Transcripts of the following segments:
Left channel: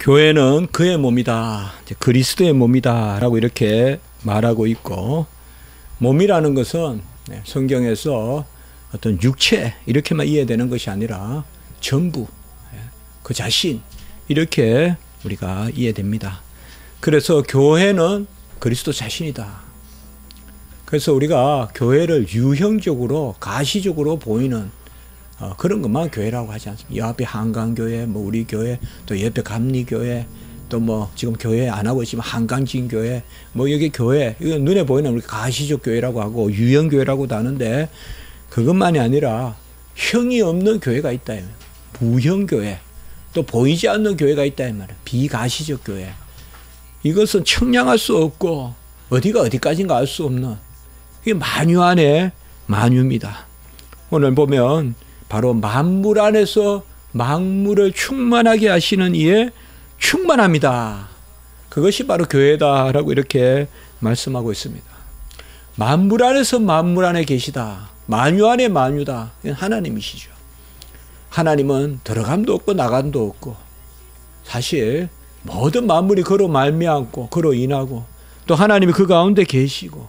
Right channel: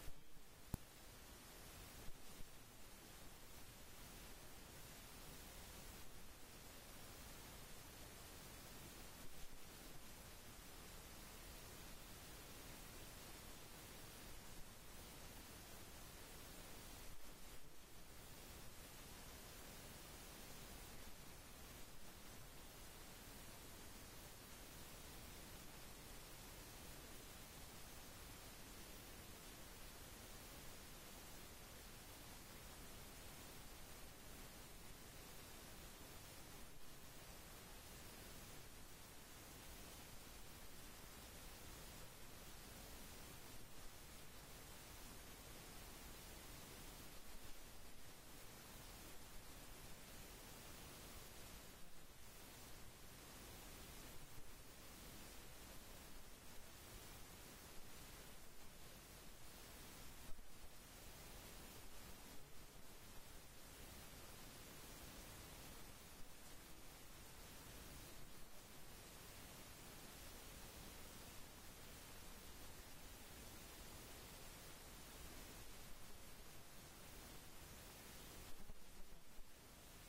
교회는 그의 몸이다, 그리스도의 몸이다 라고 이렇게 말하고 있고, 몸이라는 것은 성경에서 어떤 육체 이렇게만 이해되는 것이 아니라 전부, 그 자신, 이렇게 우리가 이해됩니다. 그래서 교회는 그리스도 자신이다. 그래서 우리가 교회를 유형적으로 가시적으로 보이는 그런 것만 교회라고 하지 않습니다. 이 앞에 한강교회, 뭐 우리 교회, 또 옆에 감리교회, 또 뭐 지금 교회 안 하고 있지만 한강진교회, 뭐 여기 교회, 이거 눈에 보이는 우리 가시적 교회라고 하고 유형교회라고도 하는데, 그것만이 아니라 형이 없는 교회가 있다. 무형교회, 또 보이지 않는 교회가 있다. 이 말이에요. 비가시적 교회. 이것은 청량할 수 없고 어디가 어디까지인가 알 수 없는, 이게 만유 안에 만유입니다. 오늘 보면 바로 만물 안에서 만물을 충만하게 하시는 이의 충만함이다. 그것이 바로 교회다라고 이렇게 말씀하고 있습니다. 만물 안에서 만물 안에 계시다. 만유 안에 만유다. 하나님이시죠. 하나님은 들어감도 없고 나감도 없고, 사실 모든 만물이 그로 말미암고 그로 인하고, 또 하나님이 그 가운데 계시고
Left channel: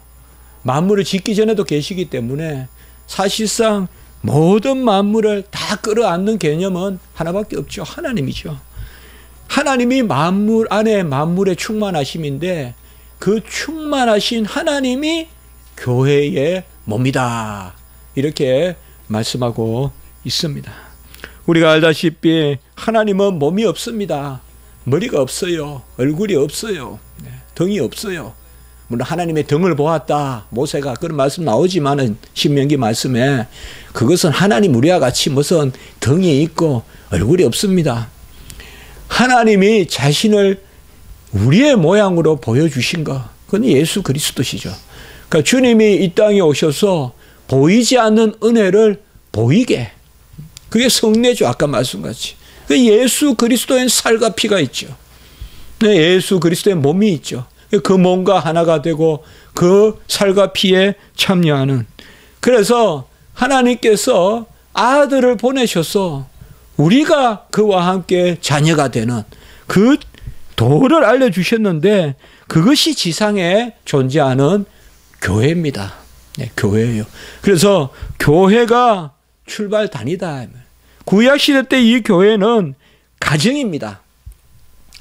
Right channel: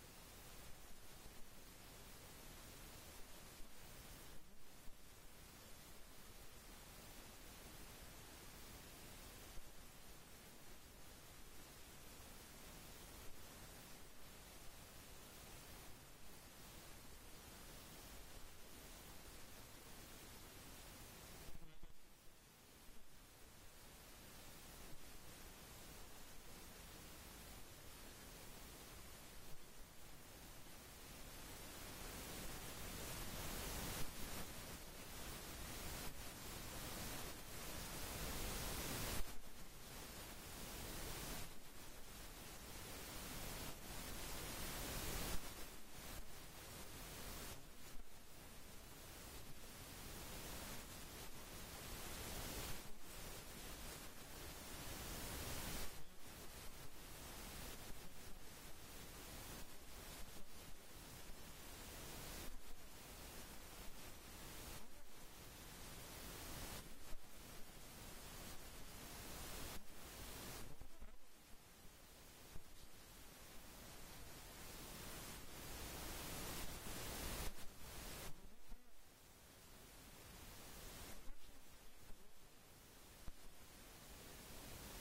만물을 짓기 전에도 계시기 때문에 사실상 모든 만물을 다 끌어안는 개념은 하나밖에 없죠. 하나님이죠. 하나님이 만물 안에 만물의 충만하심인데, 그 충만하신 하나님이 교회의 몸이다. 이렇게 말씀하고 있습니다. 우리가 알다시피 하나님은 몸이 없습니다. 머리가 없어요. 얼굴이 없어요. 등이 없어요. 물론 하나님의 등을 보았다, 모세가 그런 말씀 나오지만은 신명기 말씀에, 그것은 하나님 우리와 같이 무슨 등이 있고 얼굴이 없습니다. 하나님이 자신을 우리의 모양으로 보여주신 것, 그건 예수 그리스도시죠. 그러니까 주님이 이 땅에 오셔서 보이지 않는 은혜를 보이게, 그게 성례죠. 아까 말씀같이 예수 그리스도의 살과 피가 있죠. 예수 그리스도의 몸이 있죠. 그 몸과 하나가 되고 그 살과 피에 참여하는, 그래서 하나님께서 아들을 보내셔서 우리가 그와 함께 자녀가 되는 그 도를 알려주셨는데, 그것이 지상에 존재하는 교회입니다. 교회예요. 그래서 교회가 출발단이다. 구약시대 때 이 교회는 가정입니다.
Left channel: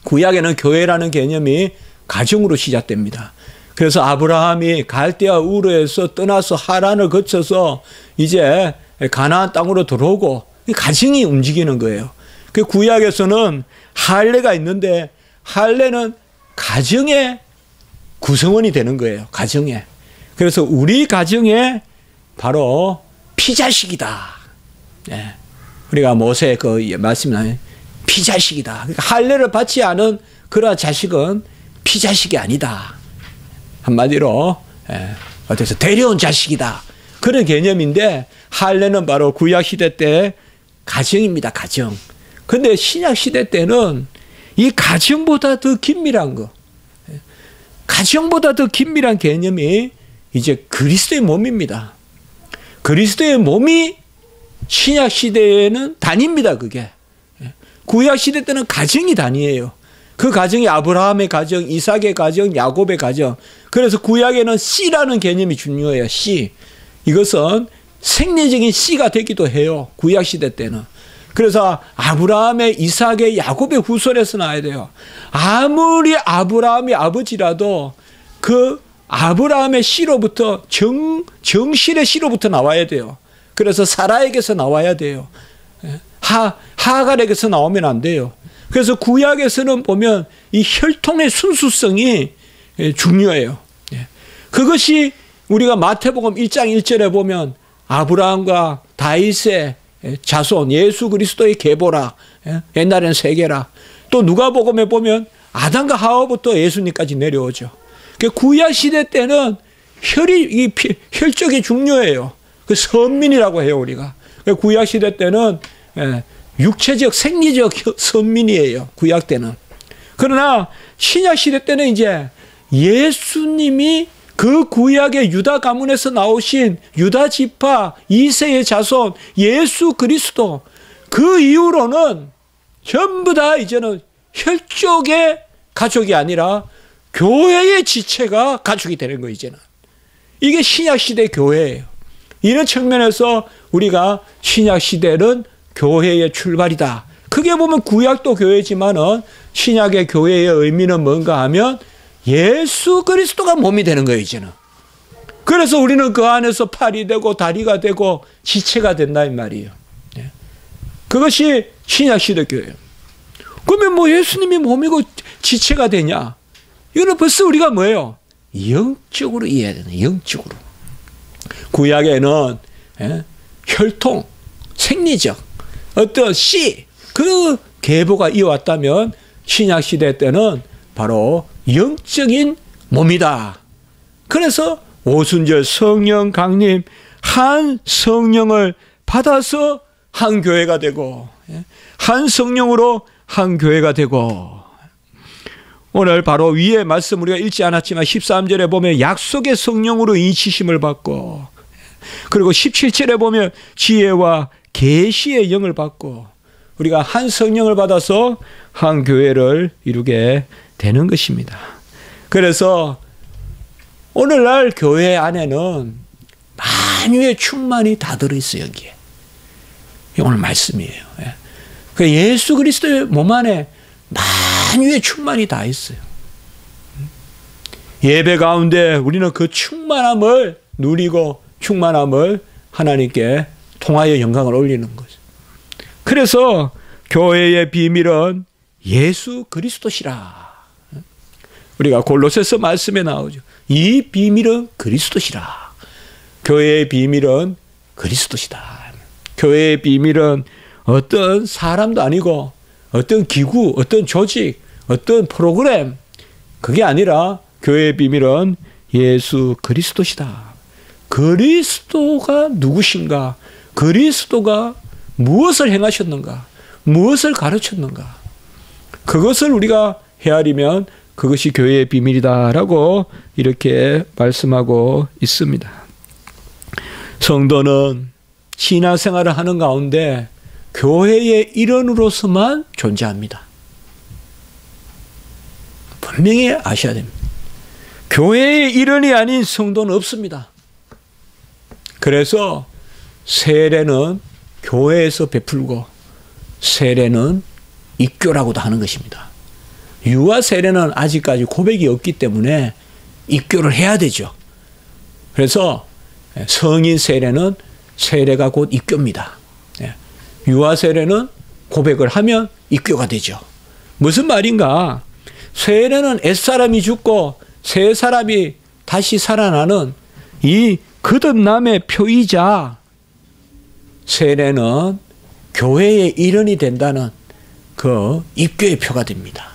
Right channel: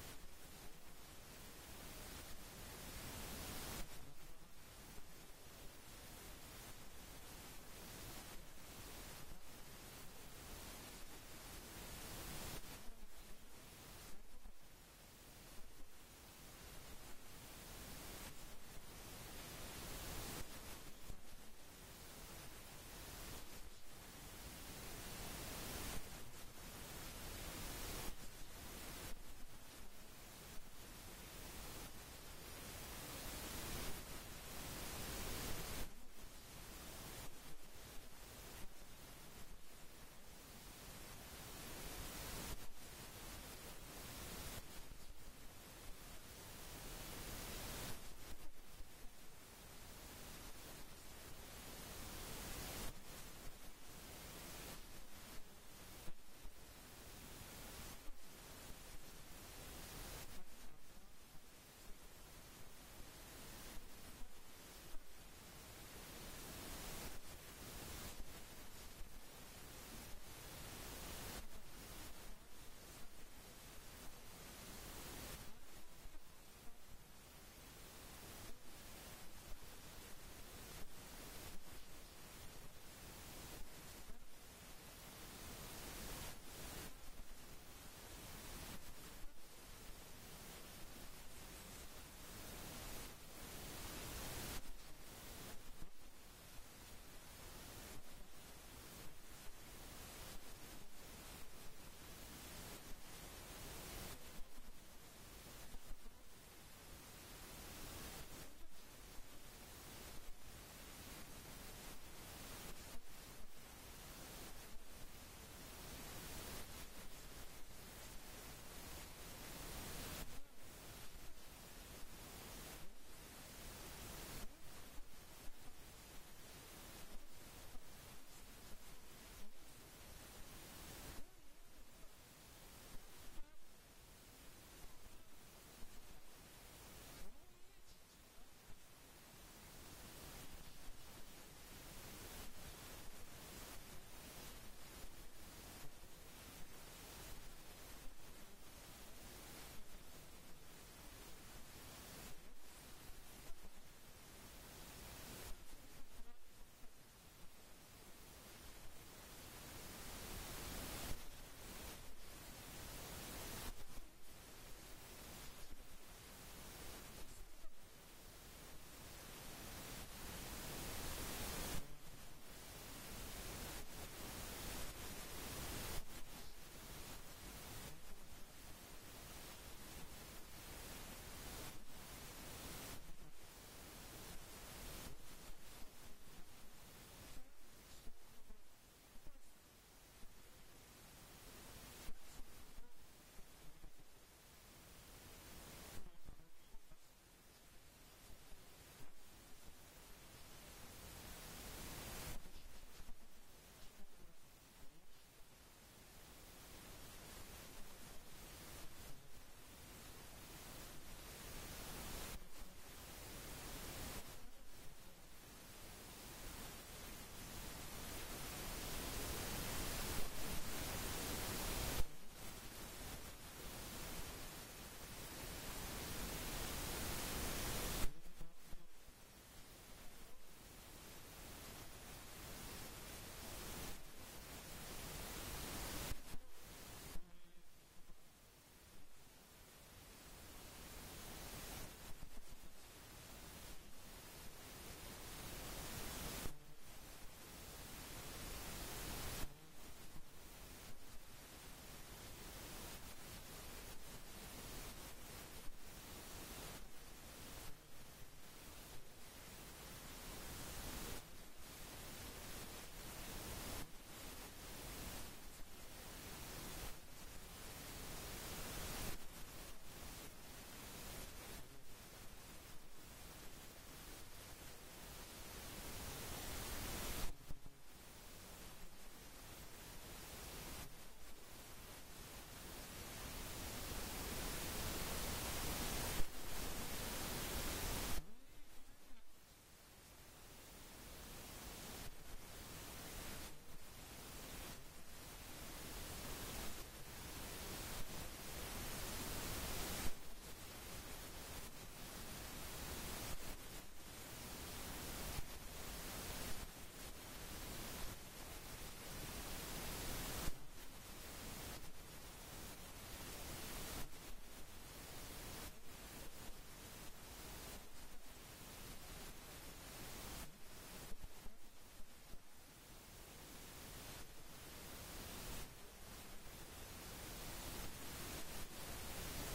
구약에는 교회라는 개념이 가정으로 시작됩니다. 그래서 아브라함이 갈대아 우르에서 떠나서 하란을 거쳐서 이제 가나안 땅으로 들어오고, 가정이 움직이는 거예요. 그 구약에서는 할례가 있는데, 할례는 가정의 구성원이 되는 거예요. 가정에. 그래서 우리 가정에 바로 피자식이다. 우리가 모세 그 말씀이 피자식이다. 그러니까 할례를 받지 않은 그러한 자식은 피자식이 아니다. 한마디로 어때서 데려온 자식이다. 그런 개념인데, 할례는 바로 구약시대 때 가정입니다. 가정. 근데 신약시대 때는 이 가정보다 더 긴밀한 거, 가정보다 더 긴밀한 개념이 이제 그리스도의 몸입니다. 그리스도의 몸이 신약시대에는 단입니다. 그게 구약시대 때는 가정이 단위예요. 그 가정이 아브라함의 가정, 이삭의 가정, 야곱의 가정. 그래서 구약에는 씨라는 개념이 중요해요. 씨. 이것은 생리적인 씨가 되기도 해요. 구약시대 때는. 그래서 아브라함의, 이삭의, 야곱의 후손에서 나와야 돼요. 아무리 아브라함이 아버지라도 그 아브라함의 씨로부터 정실의 씨로부터 나와야 돼요. 그래서 사라에게서 나와야 돼요. 하갈에게서 나오면 안 돼요. 그래서 구약에서는 보면 이 혈통의 순수성이 중요해요. 그것이 우리가 마태복음 1장 1절에 보면 아브라함과 다윗의 자손, 예수 그리스도의 계보라. 옛날에는 세계라. 또 누가복음에 보면 아담과 하와부터 예수님까지 내려오죠. 구약 시대 때는 혈족이 중요해요. 그 선민이라고 해요, 우리가. 구약 시대 때는 육체적, 생리적 선민이에요. 구약 때는. 그러나 신약 시대 때는 이제 예수님이 그 구약의 유다 가문에서 나오신 유다 지파 2세의 자손 예수 그리스도, 그 이후로는 전부 다 이제는 혈족의 가족이 아니라 교회의 지체가 가족이 되는 거예요, 이제는. 이게 신약시대 교회예요. 이런 측면에서 우리가 신약시대는 교회의 출발이다. 크게 보면 구약도 교회지만은 신약의 교회의 의미는 뭔가 하면 예수 그리스도가 몸이 되는 거예요, 이제는. 그래서 우리는 그 안에서 팔이 되고 다리가 되고 지체가 된다 이 말이에요. 그것이 신약시대 교회예요. 그러면 뭐 예수님이 몸이고 지체가 되냐? 이거는 벌써 우리가 뭐예요? 영적으로 이해해야 되는, 영적으로. 구약에는 혈통, 생리적, 어떤 씨, 그 계보가 이어왔다면 신약시대 때는 바로 영적인 몸이다. 그래서 오순절 성령 강림, 한 성령을 받아서 한 교회가 되고, 한 성령으로 한 교회가 되고, 오늘 바로 위에 말씀 우리가 읽지 않았지만 13절에 보면 약속의 성령으로 인치심을 받고, 그리고 17절에 보면 지혜와 계시의 영을 받고, 우리가 한 성령을 받아서 한 교회를 이루게 되는 것입니다. 그래서 오늘날 교회 안에는 만유의 충만이 다 들어있어요, 여기에. 이게 오늘 말씀이에요. 예수 그리스도의 몸 안에 만유의 충만이 다 있어요. 예배 가운데 우리는 그 충만함을 누리고 충만함을 하나님께 통하여 영광을 올리는 거죠. 그래서 교회의 비밀은 예수 그리스도시라. 우리가 골로새서 말씀에 나오죠. 이 비밀은 그리스도시라. 교회의 비밀은 그리스도시다. 교회의 비밀은 어떤 사람도 아니고 어떤 기구, 어떤 조직, 어떤 프로그램, 그게 아니라 교회의 비밀은 예수 그리스도시다. 그리스도가 누구신가? 그리스도가 무엇을 행하셨는가? 무엇을 가르쳤는가? 그것을 우리가 헤아리면 그것이 교회의 비밀이다라고 이렇게 말씀하고 있습니다. 성도는 신앙생활을 하는 가운데 교회의 일원으로서만 존재합니다. 분명히 아셔야 됩니다. 교회의 일원이 아닌 성도는 없습니다. 그래서 세례는 교회에서 베풀고 세례는 입교라고도 하는 것입니다. 유아 세례는 아직까지 고백이 없기 때문에 입교를 해야 되죠. 그래서 성인 세례는 세례가 곧 입교입니다. 유아 세례는 고백을 하면 입교가 되죠. 무슨 말인가? 세례는 옛사람이 죽고 새 사람이 다시 살아나는 이 거듭남의 표이자 세례는 교회의 일원이 된다는 그 입교의 표가 됩니다.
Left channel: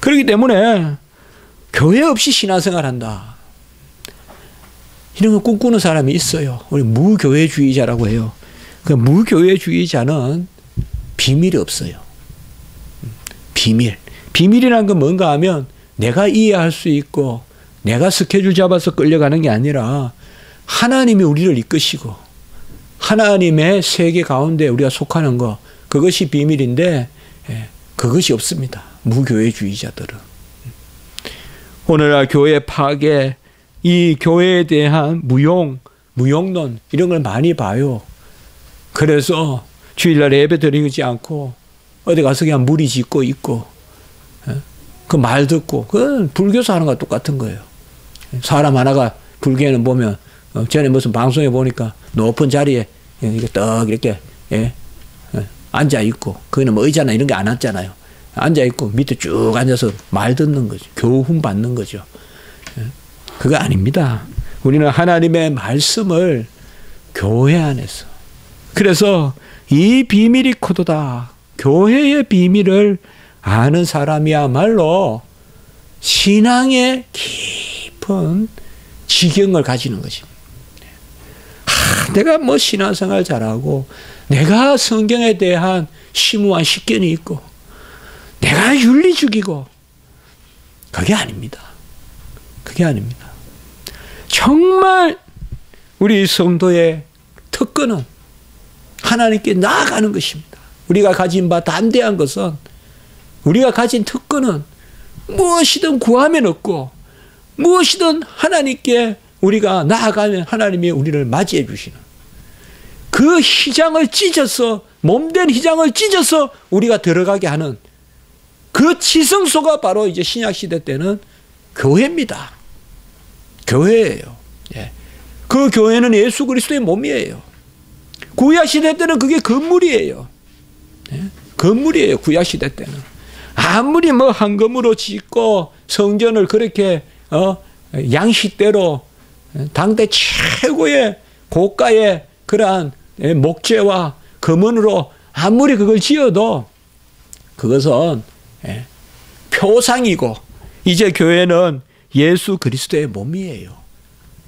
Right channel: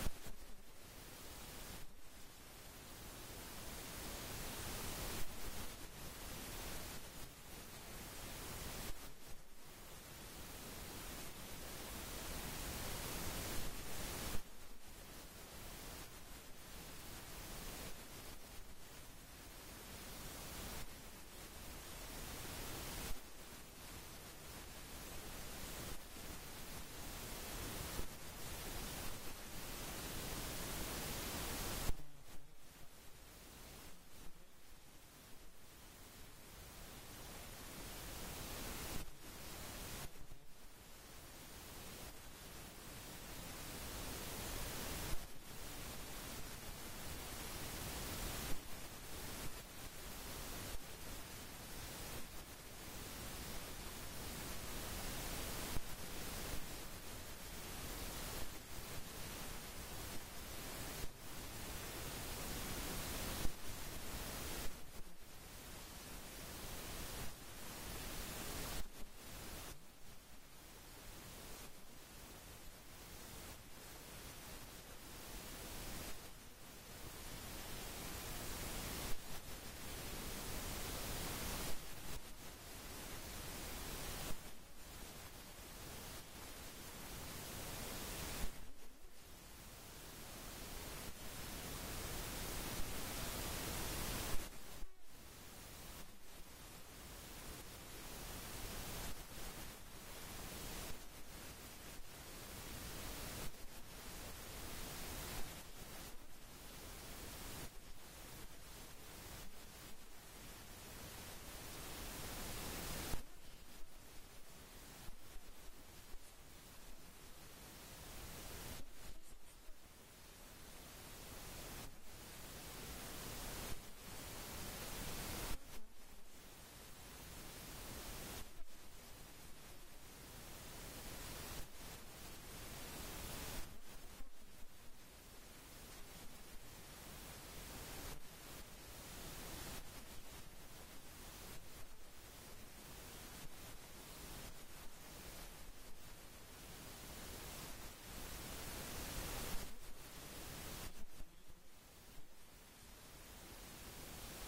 그렇기 때문에 교회 없이 신앙생활한다. 이런 거 꿈꾸는 사람이 있어요. 우리 무교회주의자라고 해요. 그 무교회주의자는 비밀이 없어요. 비밀. 비밀이란 건 뭔가 하면 내가 이해할 수 있고 내가 스케줄 잡아서 끌려가는 게 아니라 하나님이 우리를 이끄시고 하나님의 세계 가운데 우리가 속하는 거, 그것이 비밀인데 그것이 없습니다. 무교회주의자들은. 오늘날 교회 파괴, 이 교회에 대한 무용론 이런 걸 많이 봐요. 그래서 주일날 예배 드리지 않고 어디 가서 그냥 무리 짓고 있고 그 말 듣고, 그건 불교에서 하는 거랑 똑같은 거예요. 사람 하나가 불교에는 보면 전에 무슨 방송에 보니까 높은 자리에 이렇게 떡 이렇게 앉아 있고, 거기는 뭐 의자나 이런 게 안 앉잖아요. 앉아 있고 밑에 쭉 앉아서 말 듣는 거죠. 교훈 받는 거죠. 그거 아닙니다. 우리는 하나님의 말씀을 교회 안에서, 그래서 이 비밀이 코도다. 교회의 비밀을 아는 사람이야말로 신앙의 깊은 지경을 가지는 것입니다. 내가 뭐 신앙생활 잘하고 내가 성경에 대한 심오한 식견이 있고 내가 윤리주기고, 그게 아닙니다. 그게 아닙니다. 정말 우리 성도의 특권은 하나님께 나아가는 것입니다. 우리가 가진 바 담대한 것은 우리가 가진 특권은 무엇이든 구하면 얻고 무엇이든 하나님께 우리가 나아가면 하나님이 우리를 맞이해 주시는 그 휘장을 찢어서 몸된 휘장을 찢어서 우리가 들어가게 하는 그 지성소가 바로 이제 신약시대 때는 교회입니다. 교회예요. 예. 그 교회는 예수 그리스도의 몸이에요. 구약시대 때는 그게 건물이에요. 예. 건물이에요. 구약시대 때는. 아무리 뭐 황금으로 짓고 성전을 그렇게 양식대로 당대 최고의 고가의 그러한 목재와 금은으로 아무리 그걸 지어도 그것은 표상이고 이제 교회는 예수 그리스도의 몸이에요.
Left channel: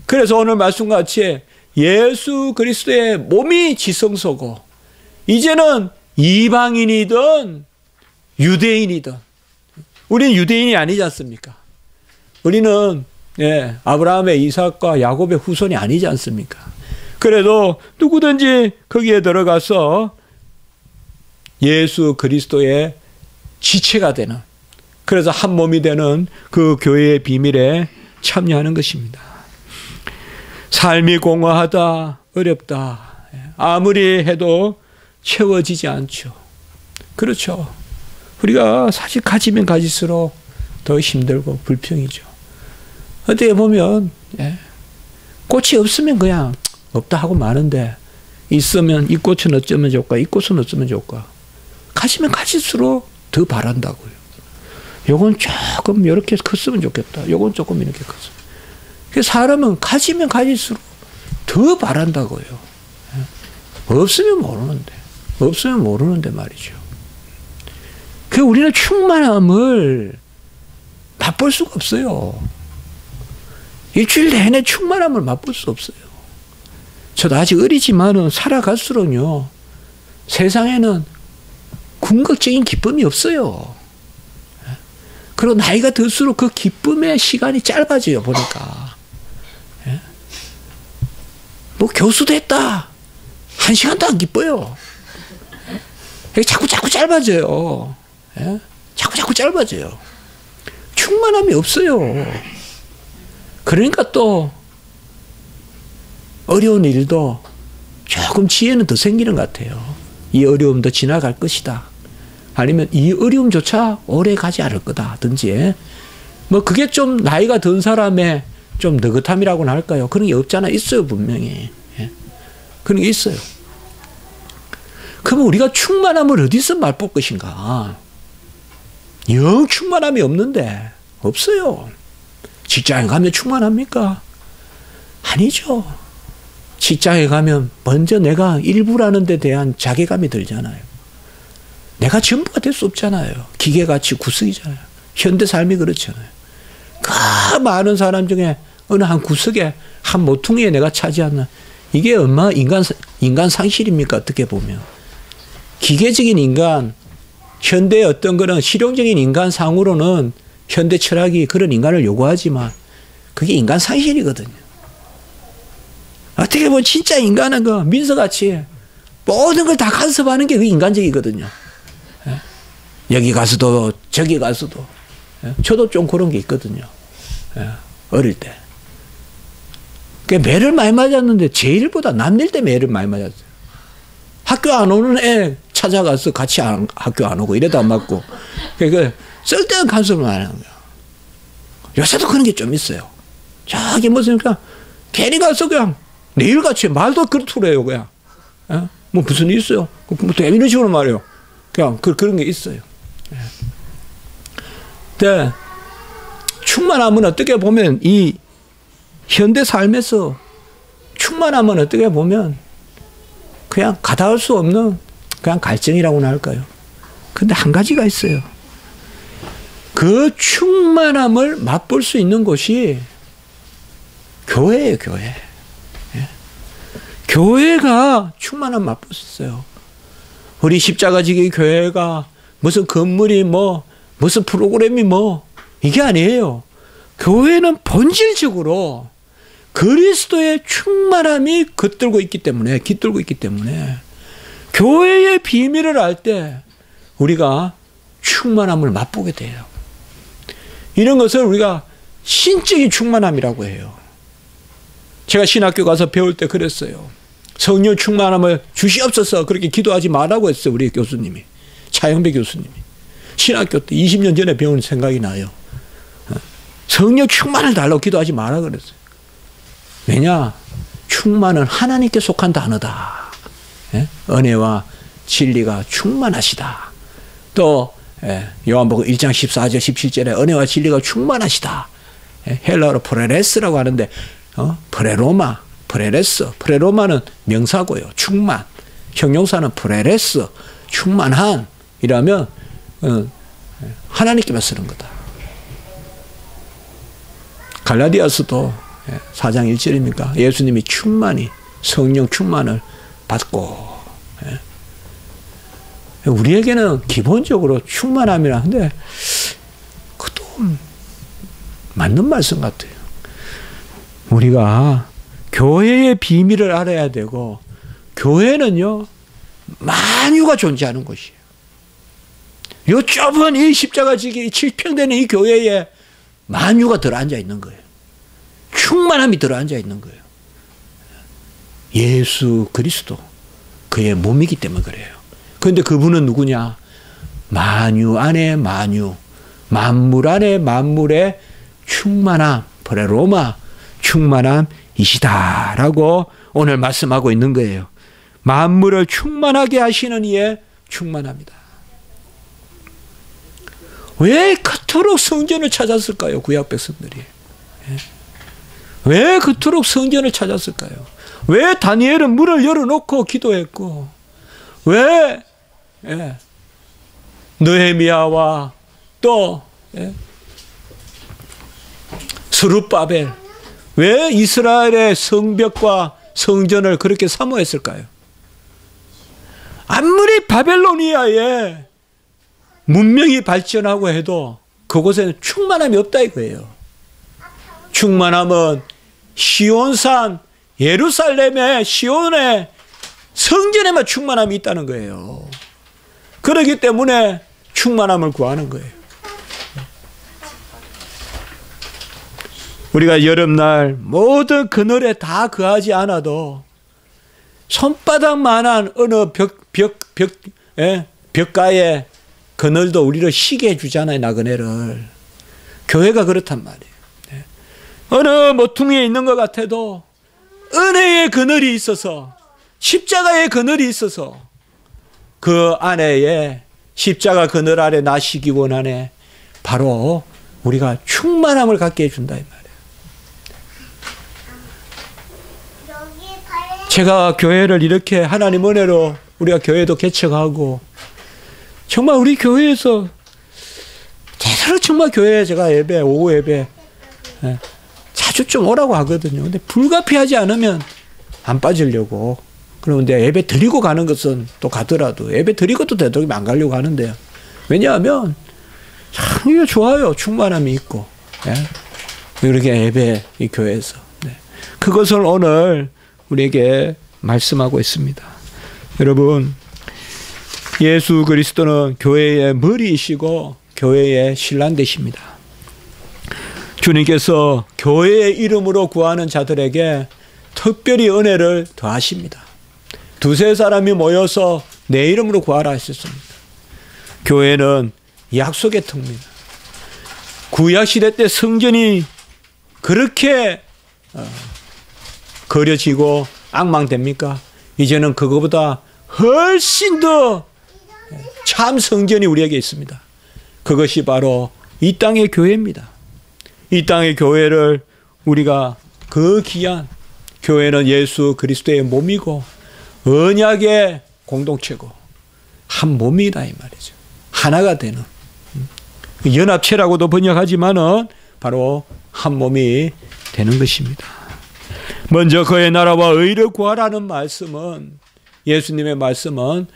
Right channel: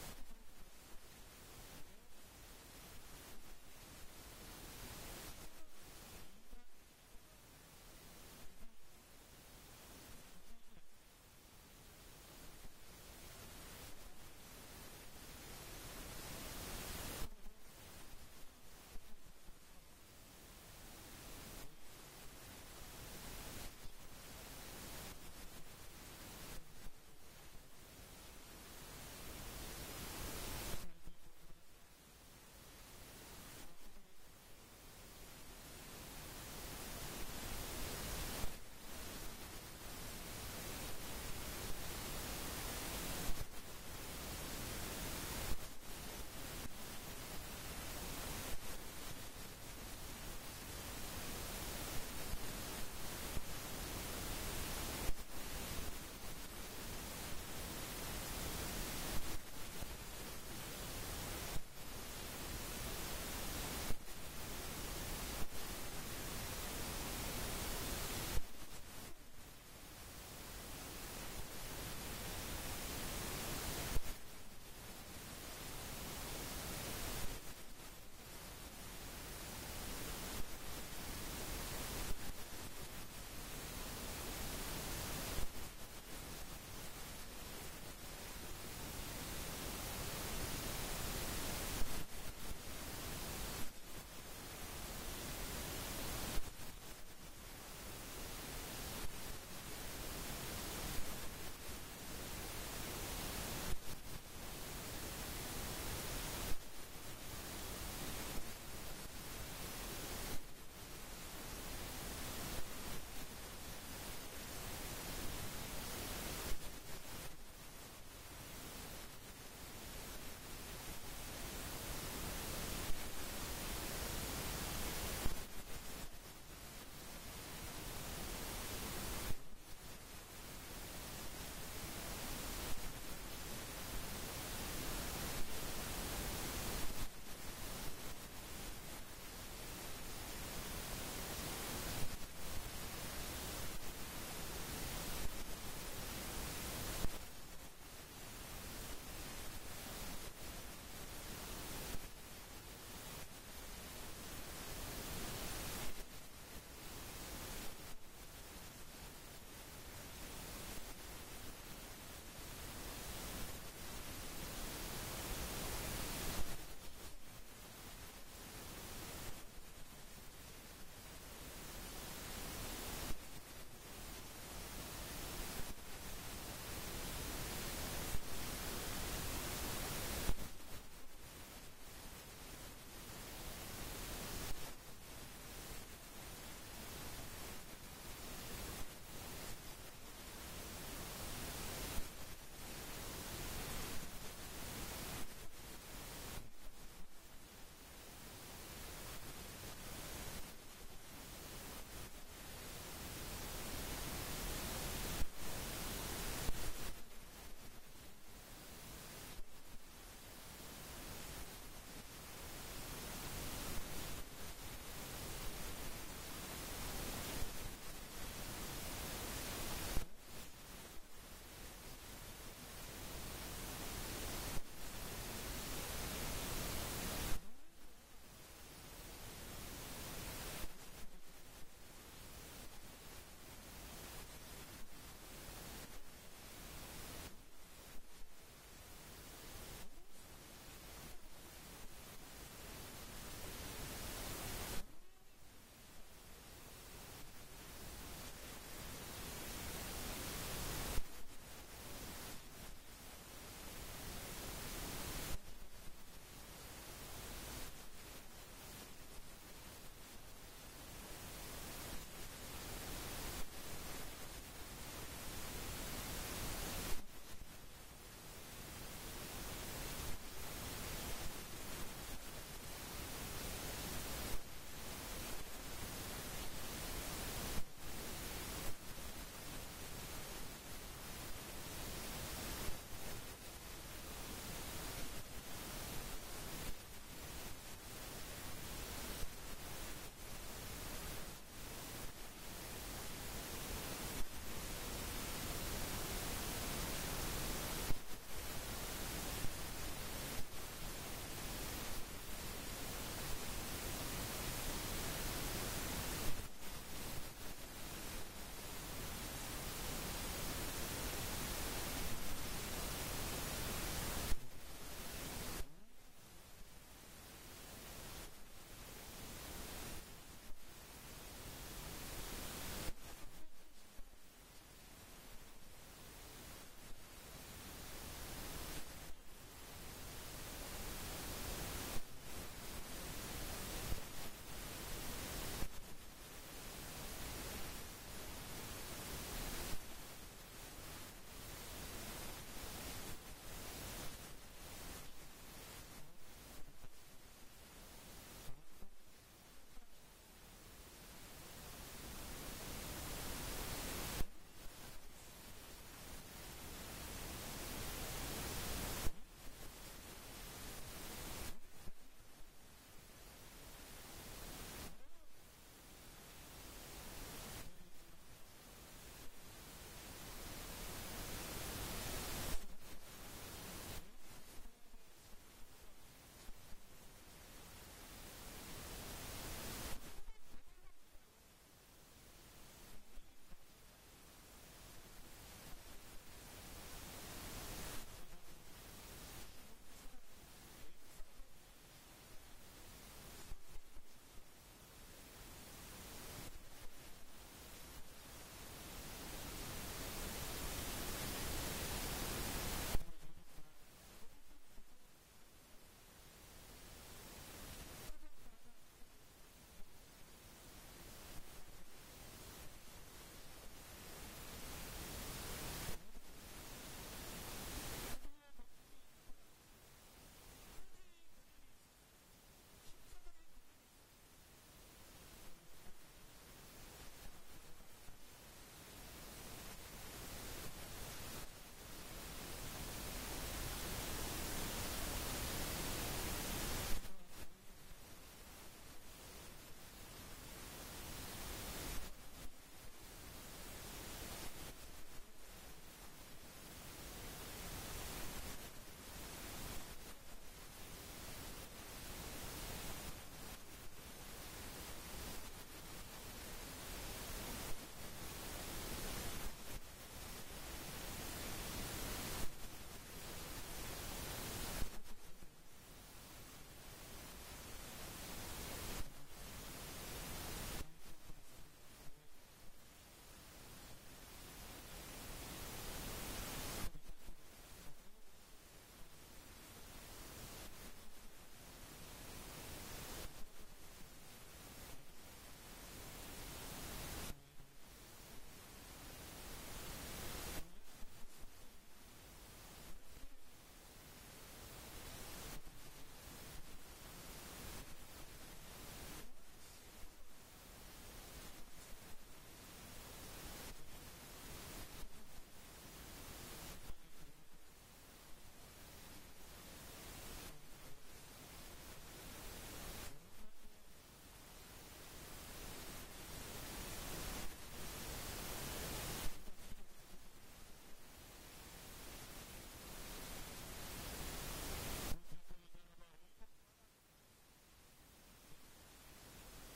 그래서 오늘 말씀같이 예수 그리스도의 몸이 지성소고 이제는 이방인이든 유대인이든 우리는 유대인이 아니지 않습니까? 우리는 아브라함의 이삭과 야곱의 후손이 아니지 않습니까? 그래도 누구든지 거기에 들어가서 예수 그리스도의 지체가 되는 그래서 한 몸이 되는 그 교회의 비밀에 참여하는 것입니다. 삶이 공허하다, 어렵다. 아무리 해도 채워지지 않죠. 그렇죠. 우리가 사실 가지면 가질수록 더 힘들고 불평이죠. 어떻게 보면 꽃이 없으면 그냥 없다 하고 마는데 있으면 이 꽃은 어쩌면 좋을까, 이 꽃은 어쩌면 좋을까. 가지면 가질수록 더 바란다고요. 요건 조금 이렇게 컸으면 좋겠다. 요건 조금 이렇게 컸으면. 그래서 사람은 가지면 가질수록 더 바란다고요. 없으면 모르는데. 없으면 모르는데 말이죠. 그 우리는 충만함을 맛볼 수가 없어요. 일주일 내내 충만함을 맛볼 수 없어요. 저도 아직 어리지만은 살아갈수록요. 세상에는 궁극적인 기쁨이 없어요. 그리고 나이가 들수록 그 기쁨의 시간이 짧아져요. 보니까. 뭐 교수 됐다. 1시간도 안 기뻐요. 자꾸 짧아져요. 자꾸 짧아져요. 충만함이 없어요. 그러니까 또 어려운 일도 조금 지혜는 더 생기는 것 같아요. 이 어려움도 지나갈 것이다. 아니면 이 어려움조차 오래 가지 않을 거다든지 뭐 그게 좀 나이가 든 사람의 좀 느긋함이라고는 할까요? 그런 게 없잖아. 있어요. 분명히. 그런 게 있어요. 그러면 우리가 충만함을 어디서 맛볼 것인가? 영 충만함이 없는데 없어요. 직장에 가면 충만합니까? 아니죠. 직장에 가면 먼저 내가 일부라는 데 대한 자괴감이 들잖아요. 내가 전부가 될 수 없잖아요. 기계같이 구석이잖아요. 현대 삶이 그렇잖아요. 그 많은 사람 중에 어느 한 구석에 한 모퉁이에 내가 차지하는 이게 얼마나 인간 상실입니까? 어떻게 보면. 기계적인 인간, 현대의 어떤 거는 실용적인 인간상으로는 현대 철학이 그런 인간을 요구하지만 그게 인간 상실이거든요. 어떻게 보면 진짜 인간은 그 민서같이 모든 걸 다 간섭하는 게 그게 인간적이거든요. 여기 가서도 저기 가서도. 저도 좀 그런 게 있거든요. 어릴 때. 매를 많이 맞았는데 제 일보다 남일 때 매를 많이 맞았어요. 학교 안 오는 애 찾아가서 같이 학교 안 오고 이래도 안 맞고. 그러니까 쓸데없는 간섭을 많이 하는 거예요. 요새도 그런 게 좀 있어요. 저기 무슨 그냥 괜히 가서 그냥 내일같이 말도 그렇더라 해요. 그냥. 뭐 무슨 일 있어요? 뭐 이런 식으로 말해요. 그냥 그런 게 있어요. 근데 충만함은 어떻게 보면 이 현대 삶에서 충만함은 어떻게 보면 그냥 가다할 수 없는 그냥 갈증이라고나 할까요? 근데 한 가지가 있어요. 그 충만함을 맛볼 수 있는 곳이 교회예요, 교회. 교회가 충만함 맛볼 수 있어요. 우리 십자가지기 교회가 무슨 건물이 무슨 프로그램이 이게 아니에요. 교회는 본질적으로 그리스도의 충만함이 깃들고 있기 때문에 교회의 비밀을 알 때 우리가 충만함을 맛보게 돼요. 이런 것을 우리가 신적인 충만함이라고 해요. 제가 신학교 가서 배울 때 그랬어요. 성령 충만함을 주시옵소서 그렇게 기도하지 말라고 했어요. 우리 교수님이. 차영배 교수님이. 신학교 때 20년 전에 배운 생각이 나요. 성령 충만을 달라고 기도하지 마라 그랬어요. 왜냐? 충만은 하나님께 속한 단어다. 은혜와 진리가 충만하시다. 또 요한복음 1장 14절 17절에 은혜와 진리가 충만하시다. 헬라어로 프레레스라고 하는데 프레로마, 프레레스. 프레로마는 명사고요. 충만. 형용사는 프레레스. 충만한 이라면 하나님께만 쓰는 거다. 갈라디아서도 4장 1절입니까? 예수님이 충만히 성령 충만을 받고 우리에게는 기본적으로 충만함이라 하는데 그것도 맞는 말씀 같아요. 우리가 교회의 비밀을 알아야 되고 교회는요 만유가 존재하는 곳이에요. 요 좁은 이 십자가 지기 7평되는 이 교회에 만유가 들어앉아 있는 거예요. 충만함이 들어앉아 있는 거예요. 예수 그리스도 그의 몸이기 때문에 그래요. 그런데 그분은 누구냐? 만유 안에 만유, 만물 안에 만물의 충만함, 프레로마 충만함이시다라고 오늘 말씀하고 있는 거예요. 만물을 충만하게 하시는 이의 충만합니다. 왜 그토록 성전을 찾았을까요? 구약 백성들이. 왜 그토록 성전을 찾았을까요? 왜 다니엘은 문을 열어놓고 기도했고 왜 느헤미야와 또 스룹바벨 왜 이스라엘의 성벽과 성전을 그렇게 사모했을까요? 아무리 바벨로니아에 문명이 발전하고 해도 그곳에는 충만함이 없다 이거예요. 충만함은 시온산 예루살렘의 시온의 성전에만 충만함이 있다는 거예요. 그렇기 때문에 충만함을 구하는 거예요. 우리가 여름날 모든 그늘에 다 거하지 않아도 손바닥만한 어느 벽가에 그늘도 우리를 쉬게 해주잖아요. 나그네를. 교회가 그렇단 말이에요. 어느 모퉁이에 있는 것 같아도 은혜의 그늘이 있어서 십자가의 그늘이 있어서 그 안에 십자가 그늘 아래 나시기 원하네. 바로 우리가 충만함을 갖게 해준다 이 말이에요. 제가 교회를 이렇게 하나님 은혜로 우리가 교회도 개척하고 정말 우리 교회에서 제대로 정말 교회에 제가 예배 오후 예배 자주 좀 오라고 하거든요. 근데 불가피하지 않으면 안 빠지려고. 그런데 예배 드리고 가는 것은 또 가더라도 예배 드리고 또 되도록이면 안 가려고 하는데요. 왜냐하면 참 이게 좋아요. 충만함이 있고 이렇게 예배 이 교회에서 그것을 오늘 우리에게 말씀하고 있습니다. 여러분 예수 그리스도는 교회의 머리이시고 교회의 신랑 되십니다. 주님께서 교회의 이름으로 구하는 자들에게 특별히 은혜를 더하십니다. 두세 사람이 모여서 내 이름으로 구하라 하셨습니다. 교회는 약속의 터입니다. 구약시대 때 성전이 그렇게 거려지고 앙망됩니까? 이제는 그거보다 훨씬 더 참 성전이 우리에게 있습니다. 그것이 바로 이 땅의 교회입니다. 이 땅의 교회를 우리가 그 귀한 교회는 예수 그리스도의 몸이고 언약의 공동체고 한 몸이다 이 말이죠. 하나가 되는 연합체라고도 번역하지만은 바로 한 몸이 되는 것입니다. 먼저 그의 나라와 의를 구하라는 말씀은 예수님의 말씀은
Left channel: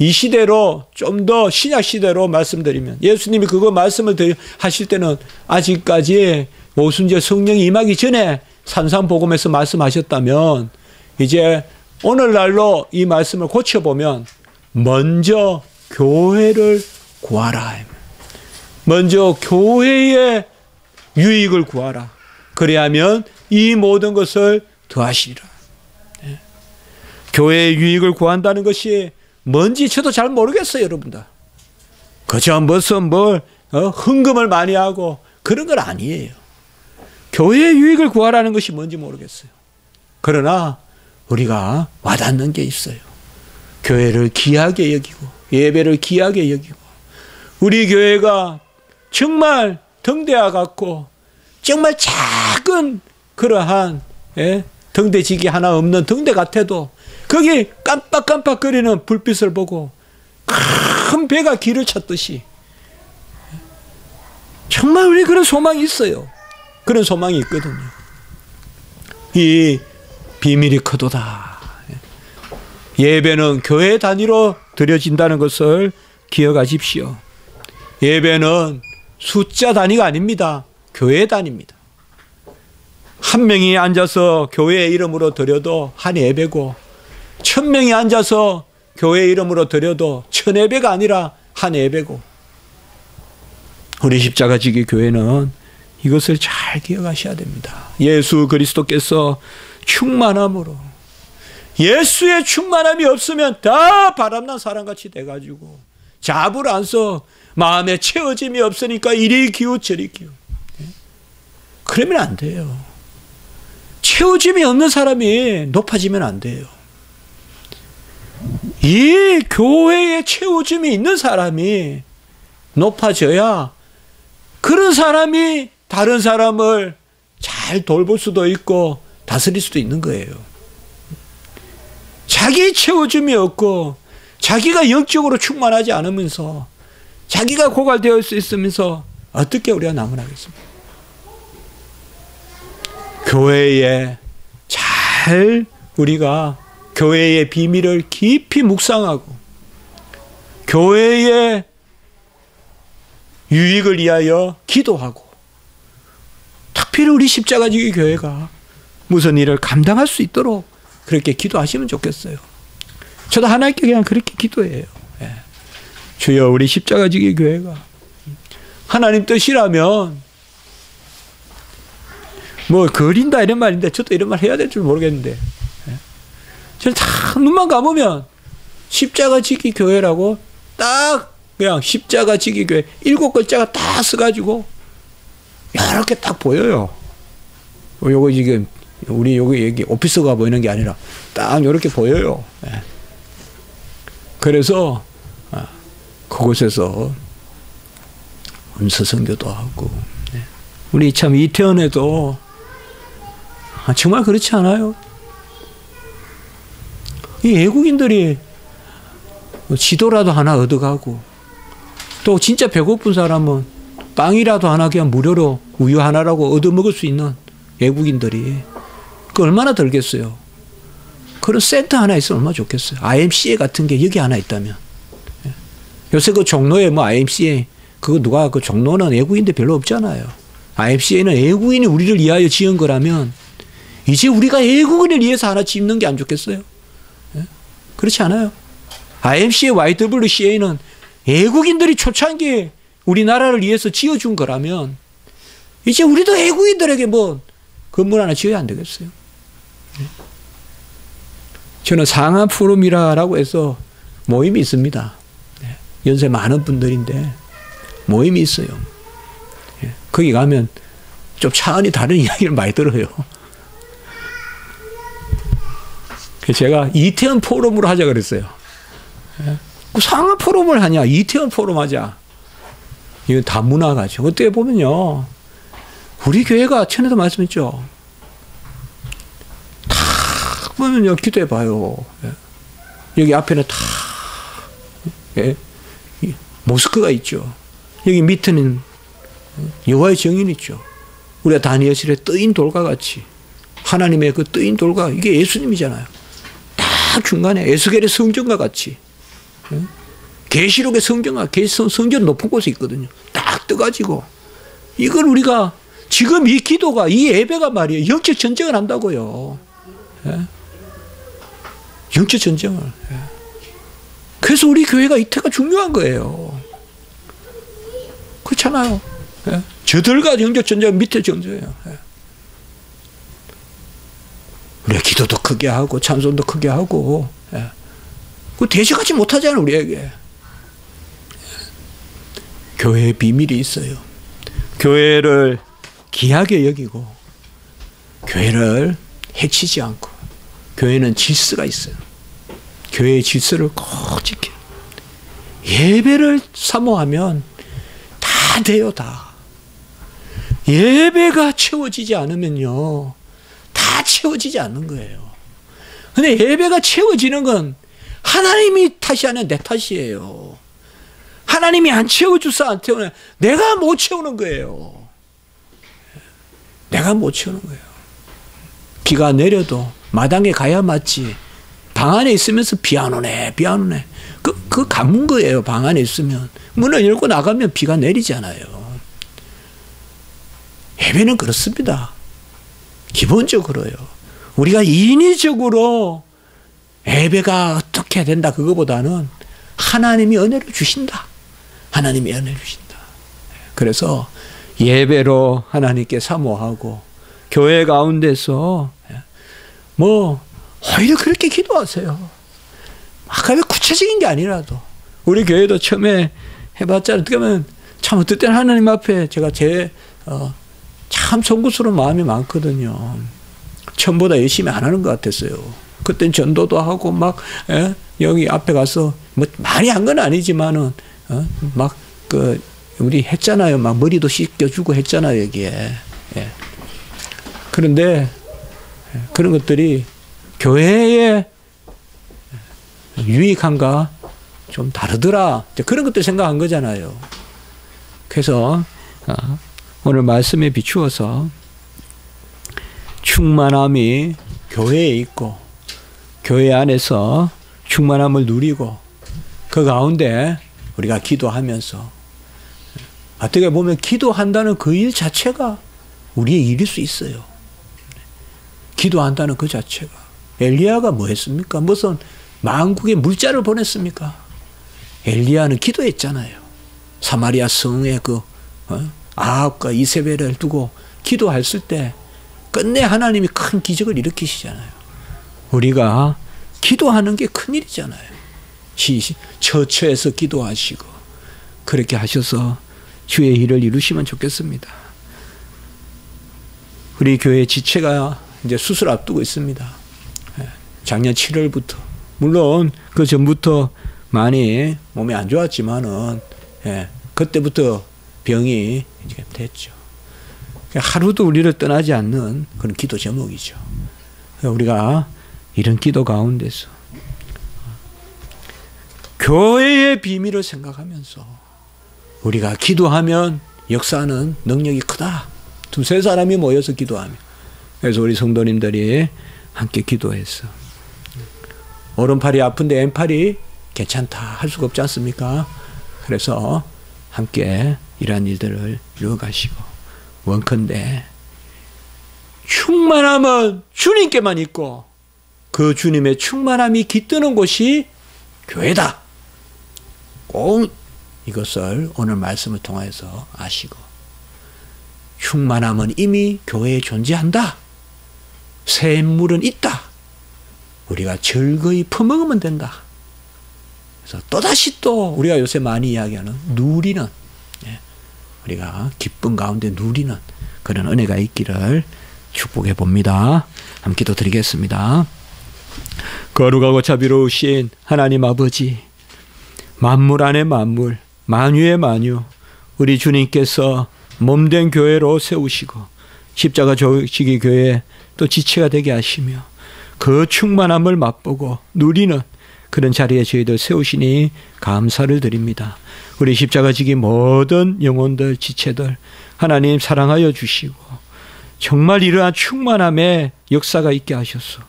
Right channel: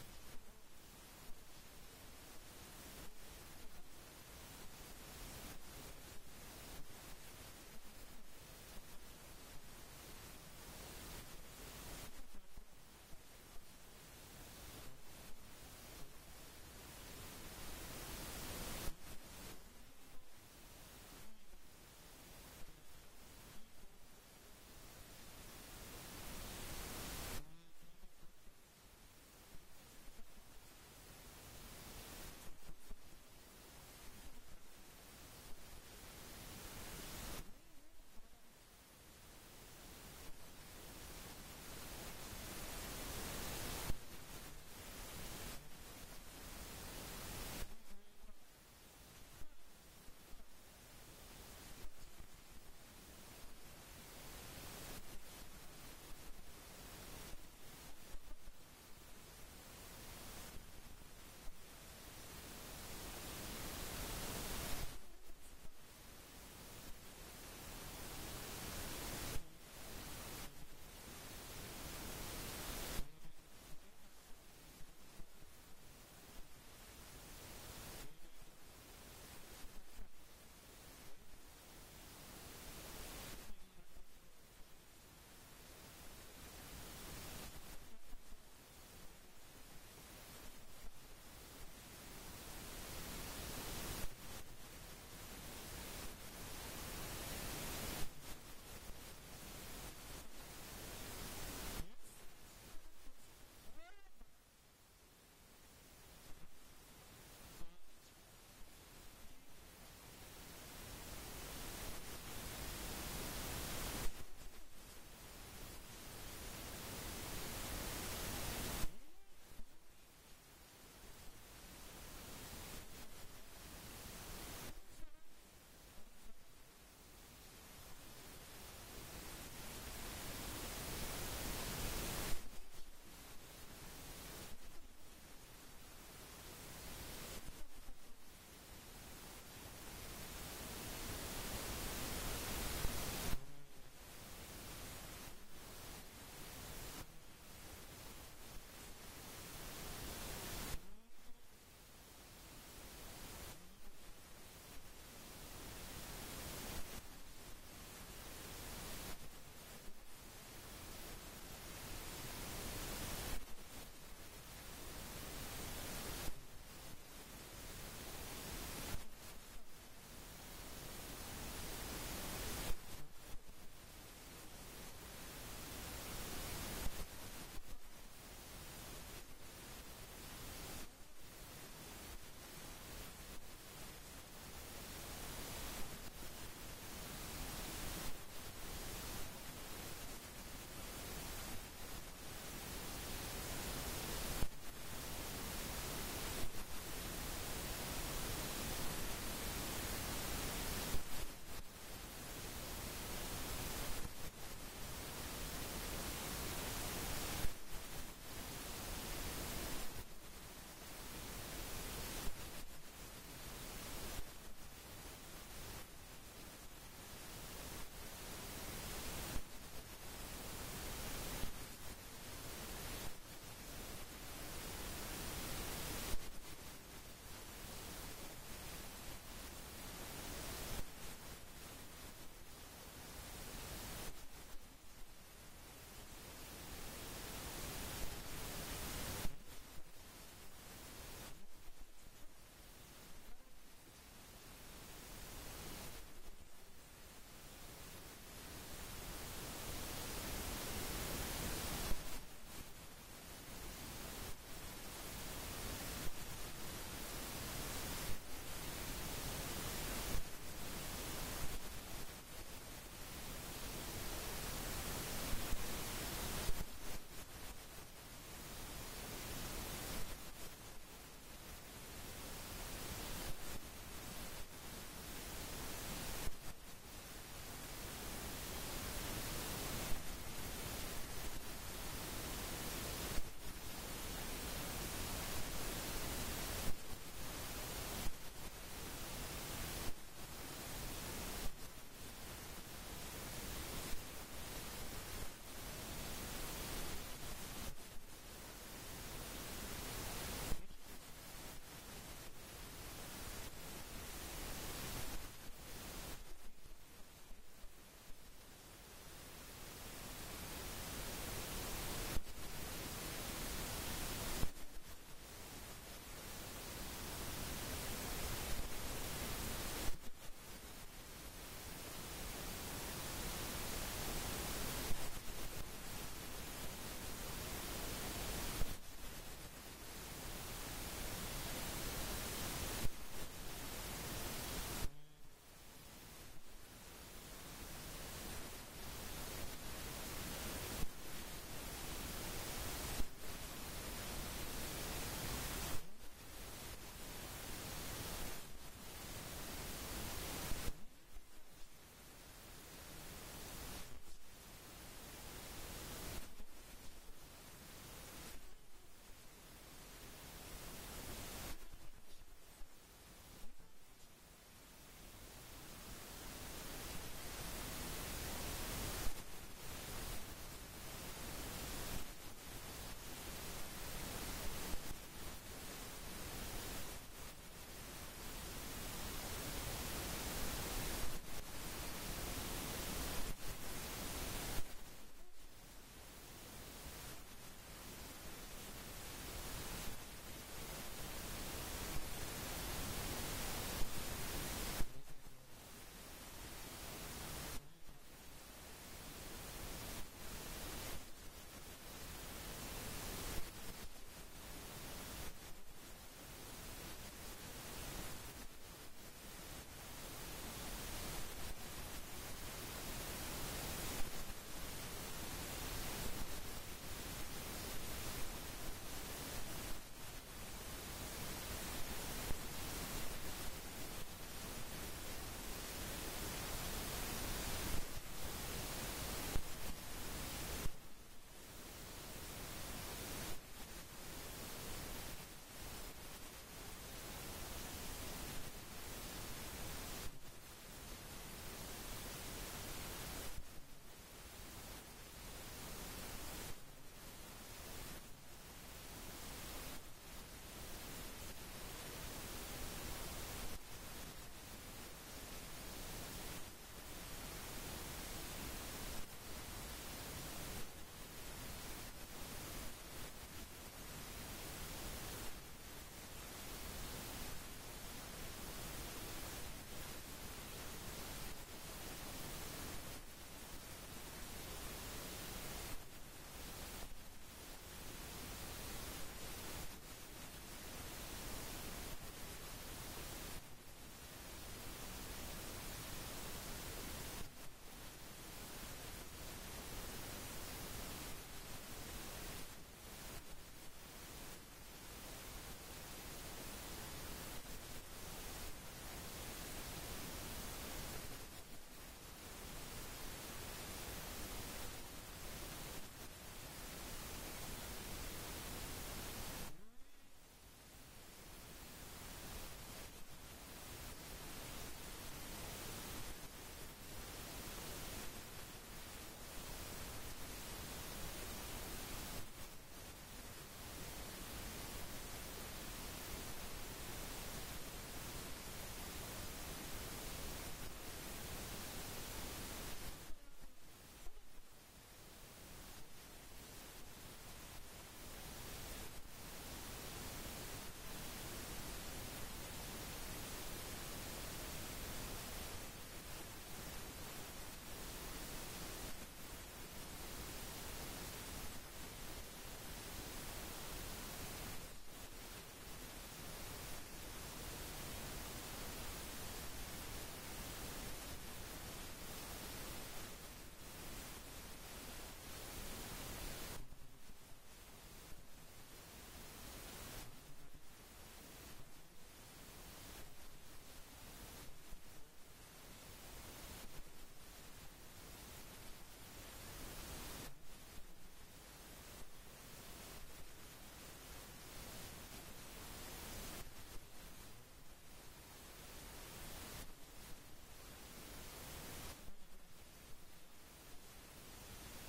이 시대로 좀 더 신약 시대로 말씀드리면 예수님이 그거 말씀을 하실 때는 아직까지 오순절 성령이 임하기 전에 산상복음에서 말씀하셨다면 이제 오늘날로 이 말씀을 고쳐보면 먼저 교회를 구하라. 먼저 교회의 유익을 구하라. 그래야면 이 모든 것을 더하시리라. 교회의 유익을 구한다는 것이 뭔지 저도 잘 모르겠어요, 여러분들. 그저 무슨 헌금을 많이 하고 그런 건 아니에요. 교회의 유익을 구하라는 것이 뭔지 모르겠어요. 그러나 우리가 와닿는 게 있어요. 교회를 귀하게 여기고 예배를 귀하게 여기고 우리 교회가 정말 등대와 같고 정말 작은 그러한 등대지기 하나 없는 등대 같아도 거기 깜빡깜빡거리는 불빛을 보고 큰 배가 길을 찾듯이 정말 우리 그런 소망이 있어요. 그런 소망이 있거든요. 이 비밀이 크도다. 예배는 교회 단위로 드려진다는 것을 기억하십시오. 예배는 숫자 단위가 아닙니다. 교회 단위입니다. 한 명이 앉아서 교회의 이름으로 드려도 한 예배고 1000명이 앉아서 교회의 이름으로 드려도 1000예배가 아니라 한 예배고 우리 십자가지기 교회는 이것을 잘 기억하셔야 됩니다. 예수 그리스도께서 충만함으로 예수의 충만함이 없으면 다 바람난 사람같이 돼가지고 잡을 안 써 마음에 채워짐이 없으니까 이리 기우 저리 기우 그러면 안 돼요. 채워짐이 없는 사람이 높아지면 안 돼요. 이 교회에 채워짐이 있는 사람이 높아져야 그런 사람이 다른 사람을 잘 돌볼 수도 있고 다스릴 수도 있는 거예요. 자기 채워짐이 없고 자기가 영적으로 충만하지 않으면서 자기가 고갈되어 있으면서 어떻게 우리가 남을 하겠습니까? 교회에 잘 우리가 교회의 비밀을 깊이 묵상하고 교회의 유익을 위하여 기도하고 특별히 우리 십자가지기 교회가 무슨 일을 감당할 수 있도록 그렇게 기도하시면 좋겠어요. 저도 하나님께 그냥 그렇게 기도해요. 주여 우리 십자가지기 교회가 하나님 뜻이라면 거린다 이런 말인데 저도 이런 말 해야 될 줄 모르겠는데 저는 다 눈만 감으면 십자가지기 교회라고 딱 그냥 십자가지기 교회 7글자가 딱 써가지고 이렇게 딱 보여요. 요거 지금 우리 여기 오피스가 보이는 게 아니라 딱 이렇게 보여요. 그래서 그곳에서 음서선교도 하고 우리 참 이태원에도 정말 그렇지 않아요? 이 외국인들이 지도라도 하나 얻어가고 또 진짜 배고픈 사람은 빵이라도 하나 그냥 무료로 우유 하나라고 얻어먹을 수 있는 외국인들이 그 얼마나 들겠어요. 그런 센터 하나 있으면 얼마나 좋겠어요. IMCA 같은 게 여기 하나 있다면. 요새 그 종로에 IMCA 그거 누가 그 종로는 외국인들 별로 없잖아요. IMCA는 외국인이 우리를 위하여 지은 거라면 이제 우리가 외국인을 위해서 하나 짓는 게 안 좋겠어요? 그렇지 않아요? IMCA, YWCA는 외국인들이 초창기에 우리나라를 위해서 지어준 거라면 이제 우리도 외국인들에게 건물 하나 지어야 안 되겠어요? 저는 상하 포럼이라고 해서 모임이 있습니다. 연세 많은 분들인데 모임이 있어요. 거기 가면 좀 차원이 다른 이야기를 많이 들어요. 제가 이태원 포럼으로 하자 그랬어요. 상하 포럼을 하냐? 이태원 포럼 하자. 이건 다 문화가죠. 어떻게 보면요. 우리 교회가 전에도 말씀했죠. 다 보면요. 기도해 봐요. 여기 앞에는 다 모스크가 있죠. 여기 밑에는 여호와의 정인이 있죠. 우리가 다니엘실에 뜨인 돌과 같이 하나님의 그 뜨인 돌과 이게 예수님이잖아요. 딱 중간에 에스겔의 성전과 같이 계시록의 성전과 성전 높은 곳에 있거든요. 딱 떠가지고 이걸 우리가 지금 이 기도가 이 예배가 말이에요. 영적 전쟁을 한다고요. 영적 전쟁을. 그래서 우리 교회가 이때가 중요한 거예요. 그렇잖아요. 예. 저들과 영적 전쟁 밑에 존재예요. 예. 우리가 기도도 크게 하고 찬송도 크게 하고 예. 그 대적하지 못하잖아요. 우리에게. 교회의 비밀이 있어요. 교회를 귀하게 여기고 교회를 해치지 않고 교회는 질서가 있어요. 교회의 질서를 꼭 지켜. 예배를 사모하면 다 돼요. 다. 예배가 채워지지 않으면요. 다 채워지지 않는 거예요. 근데 예배가 채워지는 건 하나님이 탓이 아니라 내 탓이에요. 하나님이 안 채워주서 안 채우는 내가 못 채우는 거예요. 내가 못 채우는 거예요. 비가 내려도 마당에 가야 맞지. 방 안에 있으면서 비 안 오네, 비 안 오네. 그 가문 거예요. 방 안에 있으면. 문을 열고 나가면 비가 내리잖아요. 예배는 그렇습니다. 기본적으로요. 우리가 인위적으로 예배가 어떻게 해야 된다 그거보다는 하나님이 은혜를 주신다. 하나님이 은혜를 주신다. 그래서 예배로 하나님께 사모하고 교회 가운데서 뭐 오히려 그렇게 기도하세요. 아까 왜 구체적인 게 아니라도 우리 교회도 처음에 해봤자 어떻게 보면 참 어떨 때는 하나님 앞에 제가 참 송구스러운 마음이 많거든요. 처음보다 열심히 안 하는 것 같았어요. 그땐 전도도 하고 막 여기 앞에 가서 뭐 많이 한 건 아니지만은 막 우리 했잖아요. 막 머리도 씻겨주고 했잖아요 여기에. 예. 그런데 그런 것들이 교회에 유익한가 좀 다르더라. 그런 것들 생각한 거잖아요. 그래서 오늘 말씀에 비추어서 충만함이 교회에 있고 교회 안에서 충만함을 누리고 그 가운데 우리가 기도하면서 어떻게 보면 기도한다는 그 일 자체가 우리의 일일 수 있어요. 기도한다는 그 자체가. 엘리야가 뭐 했습니까? 무슨 만국에 물자를 보냈습니까? 엘리야는 기도했잖아요. 사마리아 성에 아합과 이세벨을 두고 기도했을 때 끝내 하나님이 큰 기적을 일으키시잖아요. 우리가 기도하는 게 큰일이잖아요. 처처에서 기도하시고 그렇게 하셔서 주의 일을 이루시면 좋겠습니다. 우리 교회 지체가 이제 수술 앞두고 있습니다. 작년 7월부터 물론 그 전부터 많이 몸이 안 좋았지만은 그때부터 병이 이제 됐죠. 하루도 우리를 떠나지 않는 그런 기도 제목이죠. 우리가 이런 기도 가운데서 교회의 비밀을 생각하면서 우리가 기도하면 역사하는 능력이 크다. 두세 사람이 모여서 기도하면. 그래서 우리 성도님들이 함께 기도했어. 오른팔이 아픈데 왼팔이 괜찮다 할 수가 없지 않습니까? 그래서 함께 이러한 일들을 이루어가시고 원컨대 충만함은 주님께만 있고 그 주님의 충만함이 깃드는 곳이 교회다. 꼭 이것을 오늘 말씀을 통해서 아시고 충만함은 이미 교회에 존재한다. 샘물은 있다. 우리가 즐거이 퍼먹으면 된다. 그래서 또다시 또 우리가 요새 많이 이야기하는 누리는 우리가 기쁨 가운데 누리는 그런 은혜가 있기를 축복해 봅니다. 함께 기도드리겠습니다. 거룩하고 자비로우신 하나님 아버지, 만물 안에 만물, 만유의 만유, 우리 주님께서 몸된 교회로 세우시고 십자가 조직의 교회 또 지체가 되게 하시며 그 충만함을 맛보고 누리는 그런 자리에 저희들 세우시니 감사를 드립니다. 우리 십자가 지기 모든 영혼들 지체들 하나님 사랑하여 주시고 정말 이러한 충만함의 역사가 있게 하셨소.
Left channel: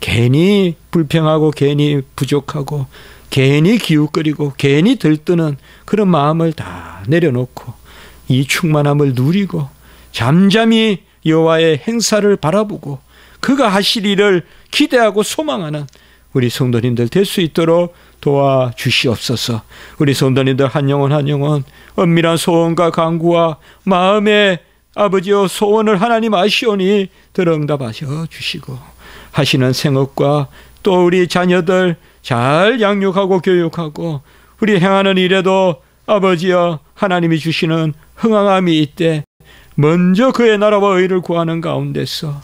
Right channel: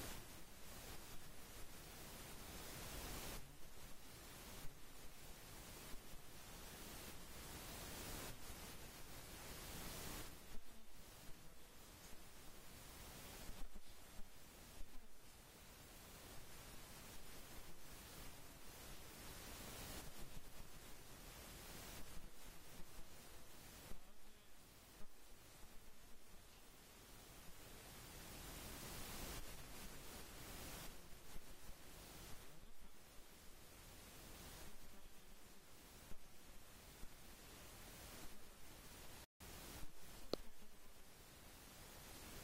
괜히 불평하고 괜히 부족하고 괜히 기웃거리고 괜히 들뜨는 그런 마음을 다 내려놓고 이 충만함을 누리고 잠잠히 여호와의 행사를 바라보고 그가 하실 일을 기대하고 소망하는 우리 성도님들 될 수 있도록 도와주시옵소서. 우리 성도님들 한 영혼 한 영혼 은밀한 소원과 간구와 마음의 아버지여 소원을 하나님 아시오니 들응답하셔 주시고 하시는 생업과 또 우리 자녀들 잘 양육하고 교육하고 우리 행하는 일에도 아버지여 하나님이 주시는 흥황함이 있되 먼저 그의 나라와 의를 구하는 가운데서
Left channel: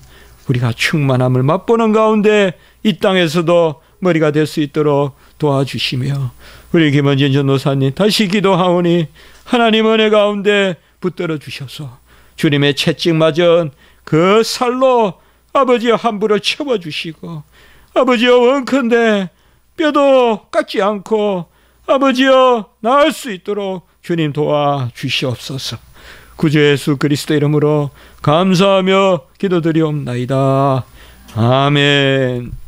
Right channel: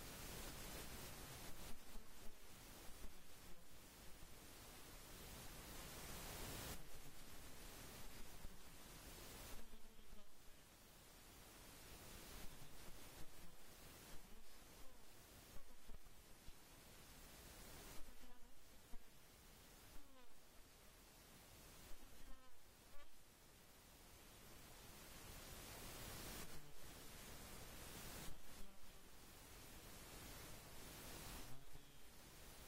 우리가 충만함을 맛보는 가운데 이 땅에서도 머리가 될 수 있도록 도와주시며 우리 김원진 전도사님 다시 기도하오니 하나님 은혜 가운데 붙들어 주셔서 주님의 채찍 맞은 그 살로 아버지여 함부로 채워주시고 아버지여 원컨대 뼈도 깎지 않고 아버지여 나을 수 있도록 주님 도와주시옵소서. 구주 예수 그리스도 이름으로 감사하며 기도드리옵나이다. 아멘.